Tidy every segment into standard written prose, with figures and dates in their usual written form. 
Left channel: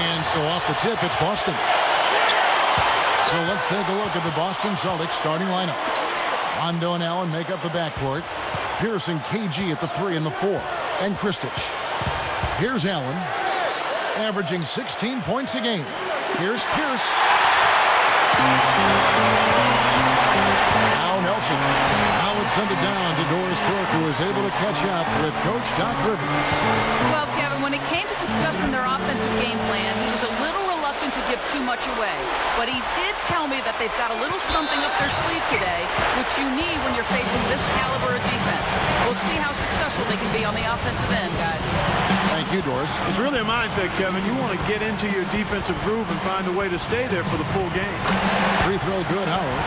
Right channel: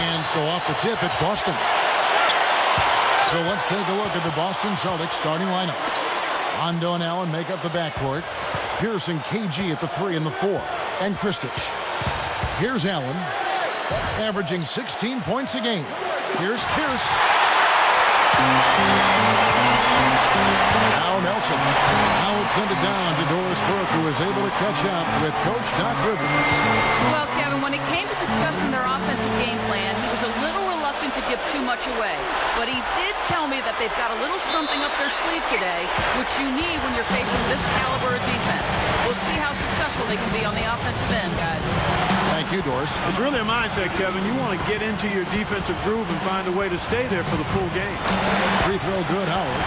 And so off the tip, it's Boston. So let's take a look at the Boston Celtics starting lineup. Rondo and Allen make up the backcourt. Pierce and KG at the 3 and the 4. And Kristich. Here's Allen, averaging 16 points a game. Here's Pierce. Now Nelson. Now it's sent it down to Doris Burke, who is able to catch up with Coach Doc Rivers. Well, Kevin, when it came to discussing their offensive game plan, he was a little reluctant to give too much away. But he did tell me that they've got a little something up their sleeve today, which you need when you're facing this caliber of defense. We'll see how successful they can be on the offensive end, guys. Thank you, Doris. It's really a mindset, Kevin. You want to get into your defensive groove and find a way to stay there for the full game. Free throw good, Howard.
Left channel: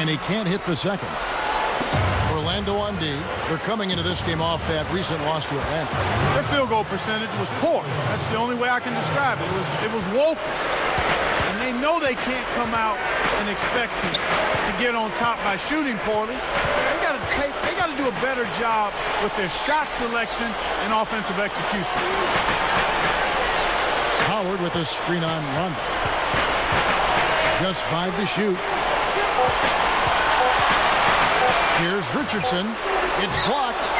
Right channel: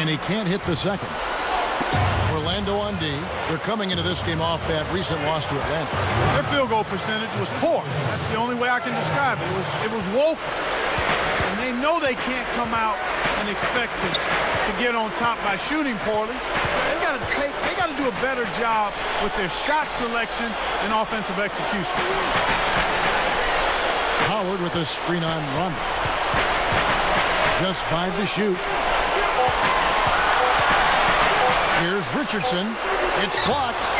And he can't hit the second. Orlando on D. They're coming into this game off that recent loss to Atlanta. Their field goal percentage was poor. That's the only way I can describe it. It was woeful. And they know they can't come out and expect to get on top by shooting poorly. They got to do a better job with their shot selection and offensive execution. Howard with a screen on Rondo. Just 5 to shoot. Here's Richardson. It's blocked.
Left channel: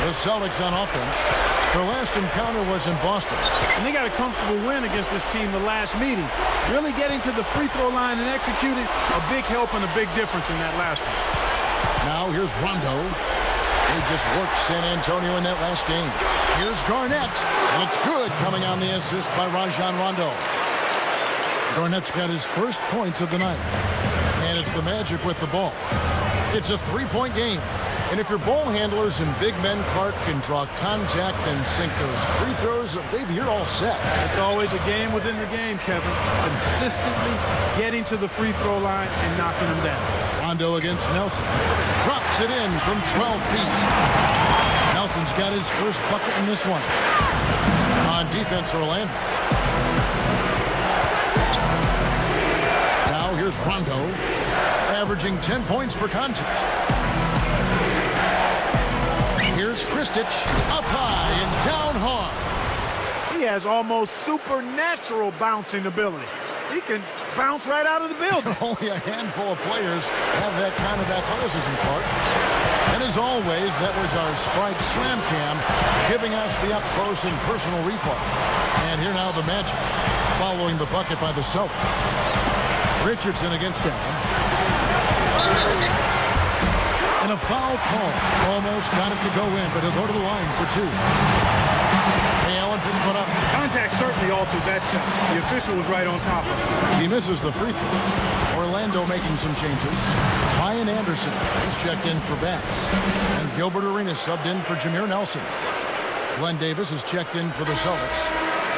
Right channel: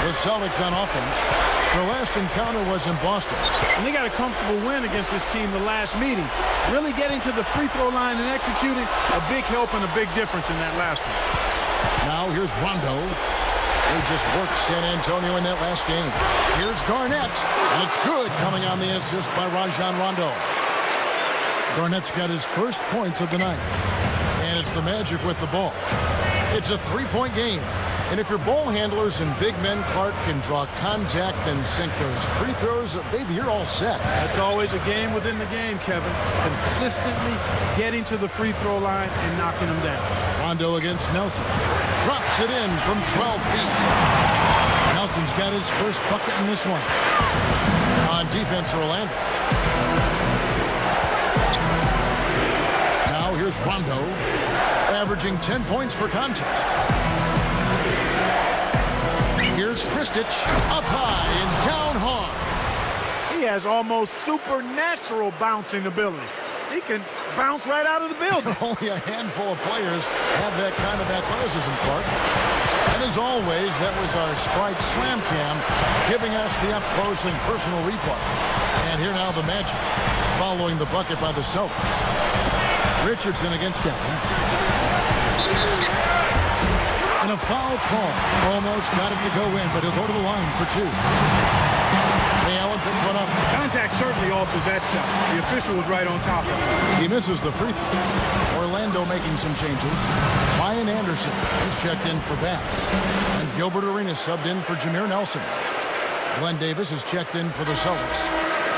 The Celtics on offense. Their last encounter was in Boston. And they got a comfortable win against this team the last meeting. Really getting to the free throw line and executing, a big help and a big difference in that last one. Now here's Rondo, who just worked San Antonio in that last game. Here's Garnett, and it's good, coming on the assist by Rajon Rondo. Garnett's got his first points of the night. And it's the Magic with the ball. It's a 3-point game. And if your ball handlers and big men Clark can draw contact and sink those free throws, baby, you're all set. That's always a game within the game, Kevin. Consistently getting to the free throw line and knocking them down. Rondo against Nelson. Drops it in from 12 feet. Nelson's got his first bucket in this one. On defense, Orlando. Now here's Rondo, averaging 10 points per contest. Here's Kristich, up high and down hard. He has almost supernatural bouncing ability. He can bounce right out of the building. Only a handful of players have that kind of athleticism, Clark. And as always, that was our Sprite Slam Cam, giving us the up-close and personal replay. And here now the Magic, following the bucket by the Celtics. Richardson against Allen. And a foul call. Almost got it to go in, but he'll go to the line for 2. Ray Allen picks one up. Contact certainly altered that shot. The official was right on top of it. He misses the free throw. Orlando making some changes. Ryan Anderson, who's checked in for Bass. And Gilbert Arenas subbed in for Jameer Nelson. Glenn Davis is checked in for the Celtics.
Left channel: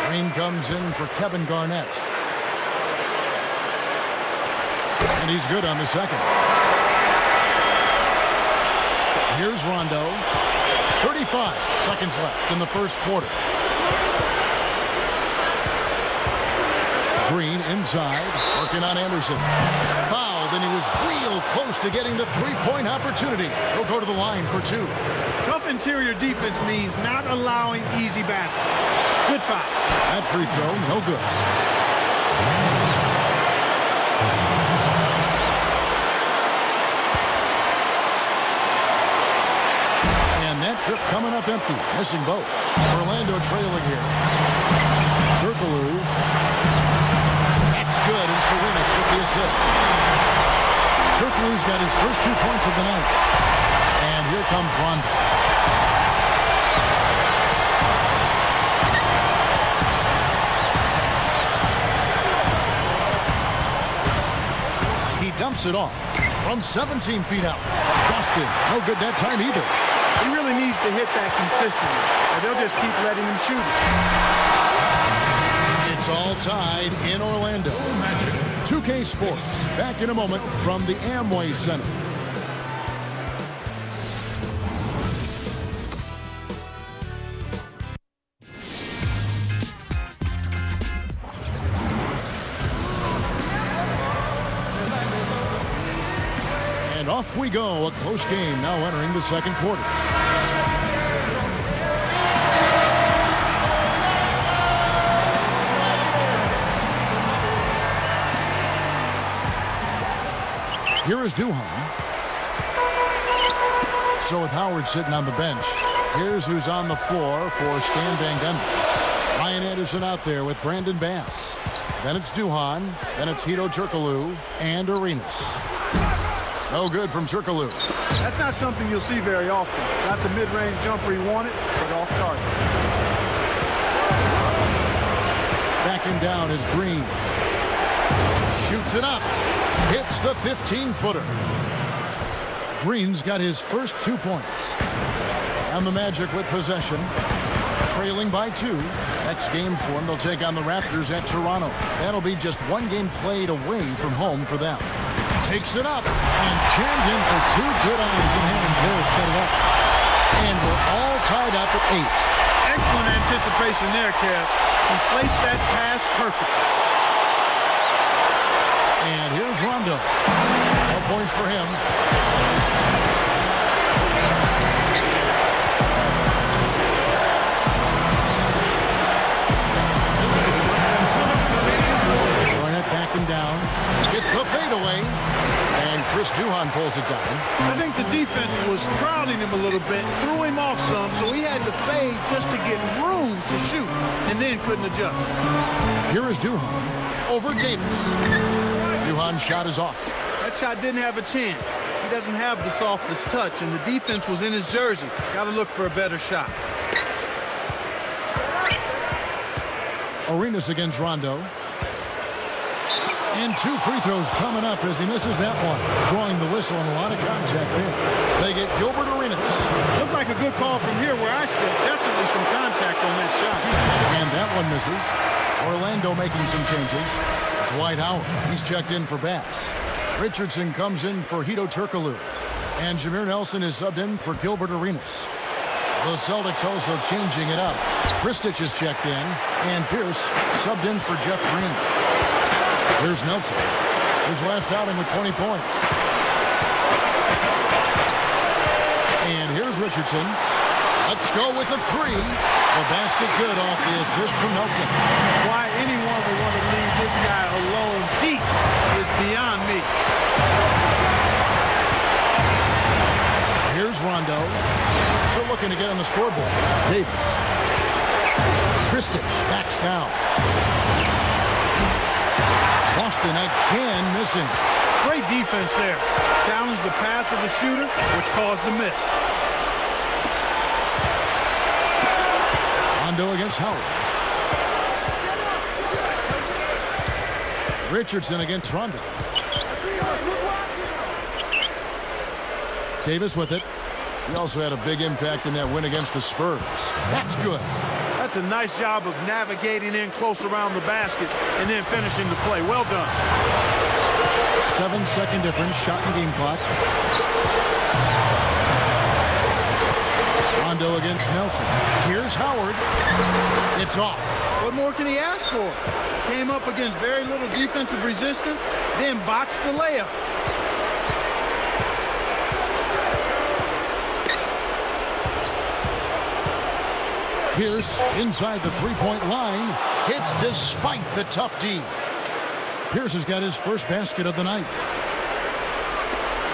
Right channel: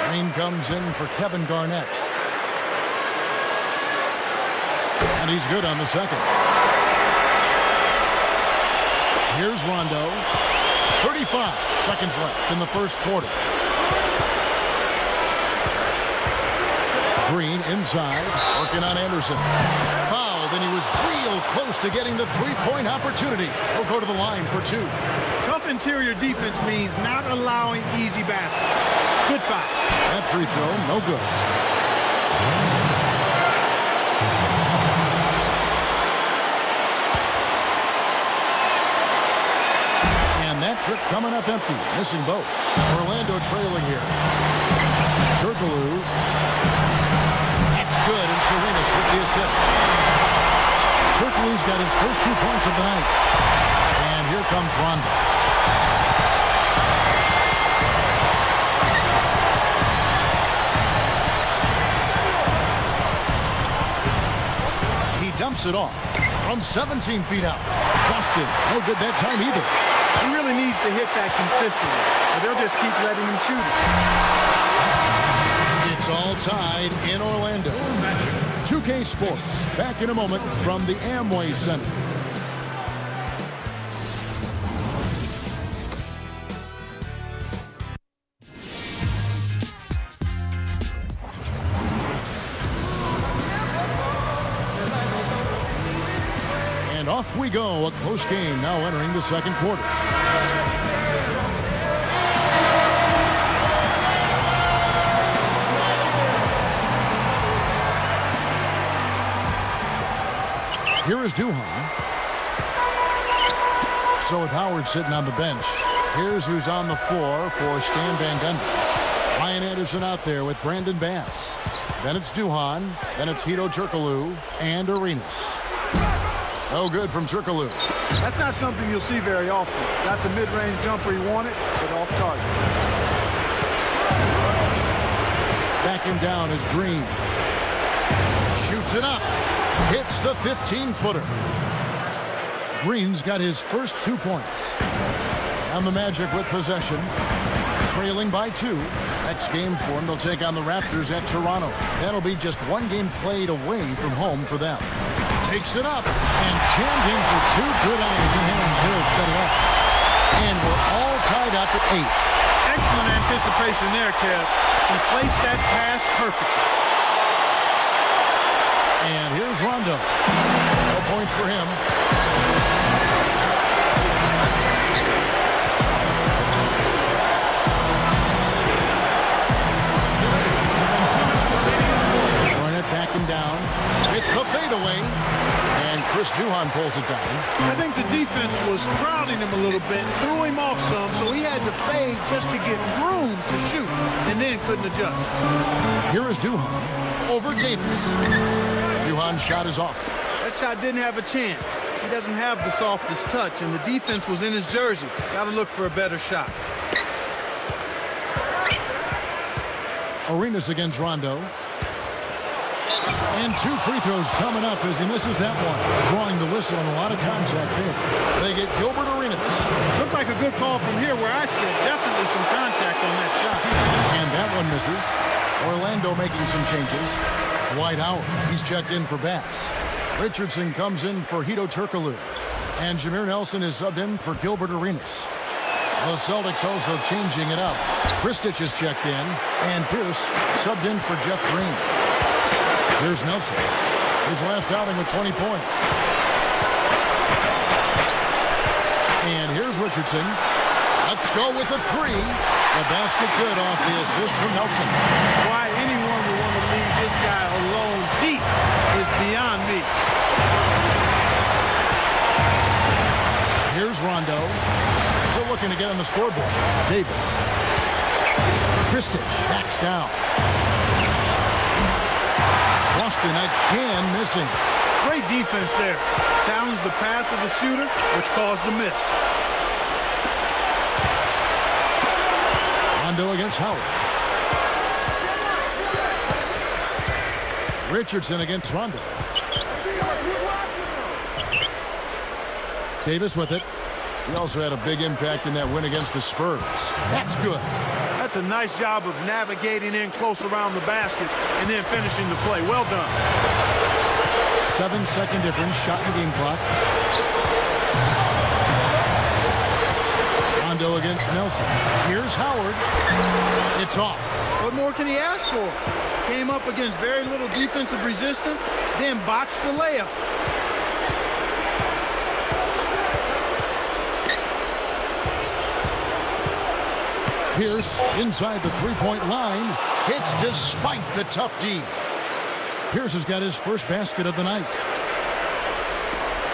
Green comes in for Kevin Garnett. And he's good on the second. Here's Rondo. 35 seconds left in the first quarter. Green inside, working on Anderson. Fouled, and he was real close to getting the three-point opportunity. He'll go to the line for 2. Tough interior defense means not allowing easy baskets. Good foul. That free throw, no good. And that trip coming up empty, missing both. Orlando trailing here. Turkoglu. That's good, and Serenas with the assist. Turkoglu's got his first 2 points of the night. And here comes Rondo. He dumps it off from 17 feet out. Dustin, no good that time either. He really needs to hit that consistently, or they'll just keep letting him shoot it. It's all tied in Orlando. 2K Sports, back in a moment from the Amway Center. And off we go. A close game now entering the second quarter. Here is Duhan. So with Howard sitting on the bench, here's who's on the floor for Stan Van Gundy. Ryan Anderson out there with Brandon Bass. Then it's Duhan. Then it's Hedo Turkoglu and Arenas. No good from Turkoglu. That's not something you'll see very often. Got the mid-range jumper he wanted, but off target. Backing down is Green. Shoots it up. Hits the 15-footer. Green's got his first 2 points. And the Magic with possession. Trailing by 2. Next game for them, they'll take on the Raptors at Toronto. That'll be just one game played away from home for them. Takes it up and jammed in for 2 good eyes and hands there. Set it up. And we're all tied up at 8. Excellent anticipation there, Kev. He placed that pass perfectly. And here's Rondo. No points for him. Garnett backing down with the fadeaway. And Chris Duhan pulls it down. I think the defense was crowding him a little bit, threw him off some, so he had to fade just to get room to shoot, and then couldn't adjust. Here is Duhan over Davis. Duhan's shot is off. That shot didn't have a chance. He doesn't have the softest touch, and the defense was in his jersey. Got to look for a better shot. Arenas against Rondo. And 2 free throws coming up as he misses that one. Drawing the whistle and a lot of contact there. They get Gilbert Arenas. Looked like a good call from here where I sit. Definitely some contact on that shot. And that one misses. Orlando making some changes. Dwight Howard, he's checked in for Bass. Richardson comes in for Hedo Turkoglu. And Jameer Nelson is subbed in for Gilbert Arenas. The Celtics also changing it up. Kristich is checked in. And Pierce subbed in for Jeff Green. Here's Nelson. His last outing with 20 points. And here's Richardson. Let's go with a 3. The basket good off the assist from Nelson. Why anyone would want to leave this guy alone deep is beyond me. Here's Rondo. Still looking to get on the scoreboard. Davis. Kristich backs down. Boston again missing. Great defense there. Challenged the path of the shooter, which caused the miss. Rondo against Howard. Richardson against Rondo. Davis with it. He also had a big impact in that win against the Spurs. That's good. That's a nice job of navigating in close around the basket and then finishing the play. Well done. 7-second difference, shot and game clock. Rondo against Nelson. Here's Howard. It's off. What more can he ask for? Came up against very little defensive resistance, then botched the layup. Pierce inside the three-point line. Hits despite the tough D. Pierce has got his first basket of the night.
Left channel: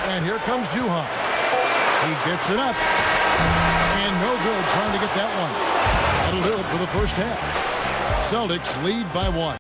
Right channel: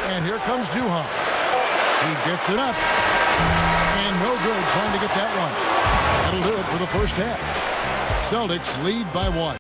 And here comes Duhan. He gets it up. And no good trying to get that one. That'll do it for the first half. Celtics lead by 1.